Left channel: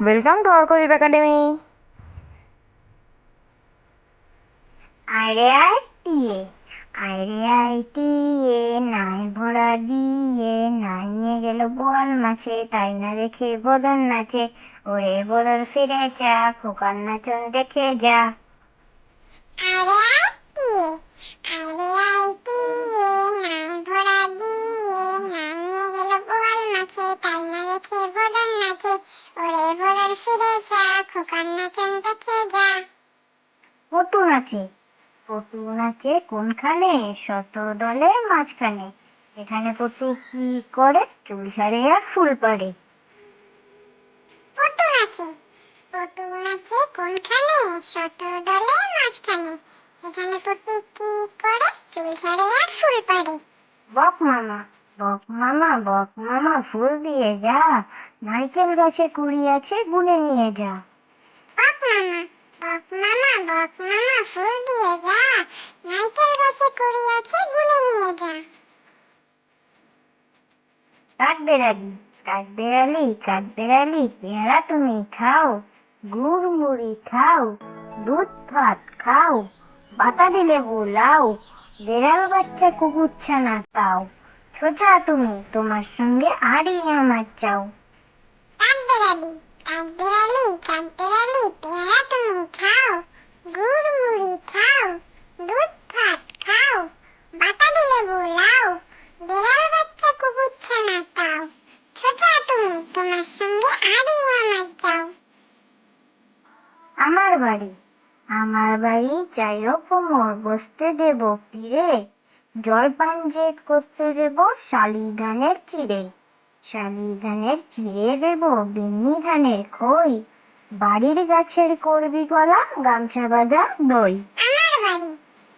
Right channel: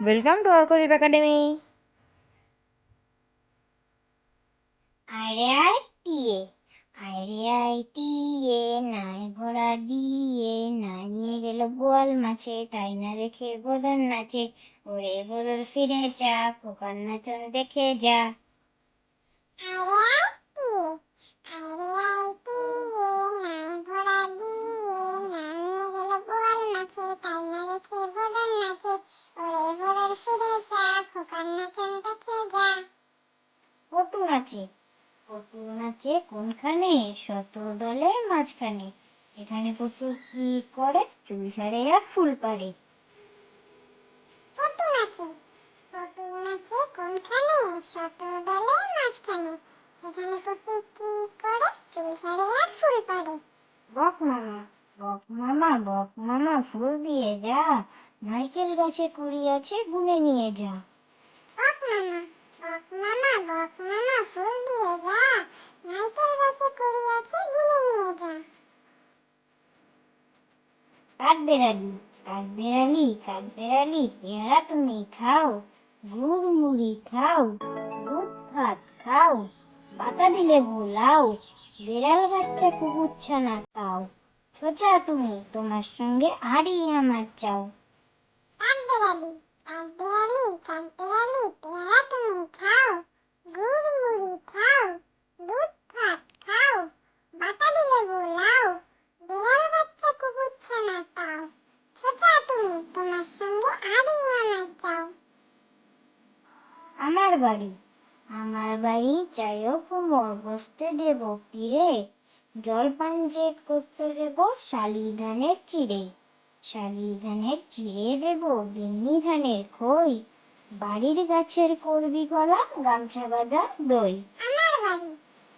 Welcome to Arkadeep academy আরে আয় টিয়ে আরে টিয়ে নাই ভরা দিয়ে না নিয়ে গেল বোয়াল মাছে তাই না দেখে বদন নাচে ওরে বদল ফিরে যা খোকার নাচন দেখে যা। আরে নাচে কোনখানে? শত দলের মাঝখানে। এখানে পটু কি করে? চুল সারে আর ফুল পারে পটু নাচে পটু নাচে কোনখানে? শত দলের মাঝখানে। এখানে পটু কি করে? চুল সারে আর ফুল পারে বক মামা বক মামা বক মামা ফুল দিয়ে যা। নারকেল গাছে কুড়ি আছে গুনে নিয়ে যা। বক মামা বক মামা ফুল দিয়ে যা। নারকেল গাছে কুড়ি আছে গুনে নিয়ে যা। কাঠ বেড়ালি কাঠ বেড়ালি কাঠ বেড়ালি পেয়ারা তুমি খাও গুড় মুড়ি খাও দুধ ভাত খাও বাতাবি লেবু লাও বেড়াল বাচ্চা কুকুর ছানা তাও সোজা তুমি তোমার সঙ্গে আরই আমার চাও। কাঠ বেড়ালি কাঠ বেড়ালি কাঠ বেড়ালি পেয়ারা গুড় মুড়ি খাও, দুধ ভাত খাও বাতাবি লেবু লাও বেড়াল বাচ্চা কুকুর ছানা তাও সোজা তুমি, তোমার সঙ্গে আরই আমার চাও আমার বাড়ি আমার বাড়ি যাইও কুমোর বসতে দেব পীরে জলপান যে করতে দেব শালি ধানের চিড়ে শালি ধানের চিড়ে দেব বিন্নি ধানের খই বাড়ির গাছের করবি গলা গামছা বাঁধা দই। আমার বাড়ি।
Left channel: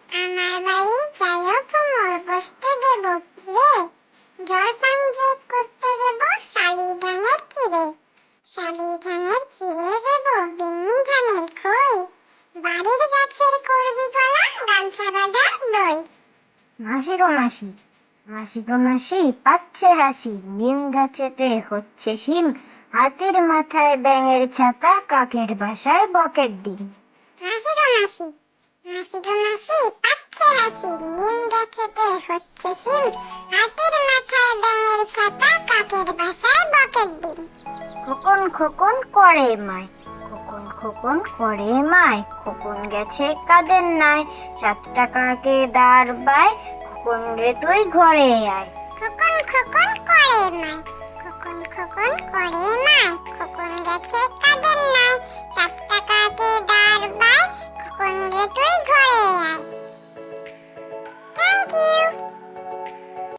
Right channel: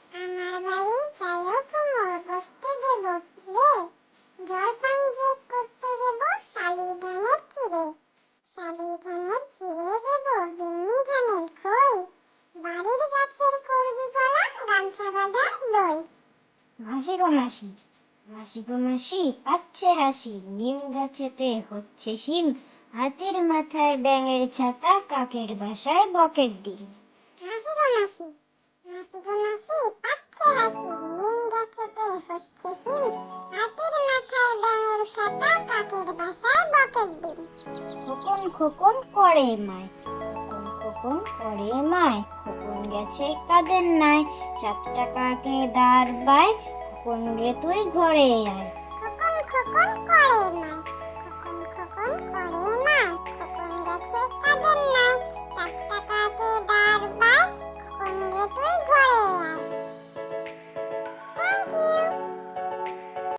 আমার বাড়ি যাইও কুমোর বসতে দেব পীরে জলপান যে করতে দেব শালি ধানের চিড়ে শালি ধানের চিড়ে দেব বিন্নি ধানের খই। বাড়ির গাছের করবি গলা গামছা বাঁধা দই। মাসি গো মাসি মাসি গো মাসি পাচ্ছে হাসি। নিম গাছেতে হচ্ছে শিম। হাতির মাথায় ব্যাঙের ছাতা কাকের বাসায় বকের ডিম মাসি গো মাসি মাসি গো মাসি পাচ্ছে হাসি নিম গাছেতে হচ্ছে শিম হাতির মাথায় ব্যাঙের ছাতা কাকের বাসায় বকের ডিম খোকন খোকন করে মায় খোকন করে মায় খোকন গেছে কাদের নাই সাত টাকাকে দাঁড় পায় খোকন রে তুই ঘরে আয় খোকন খোকন করে মায় খোকন খোকন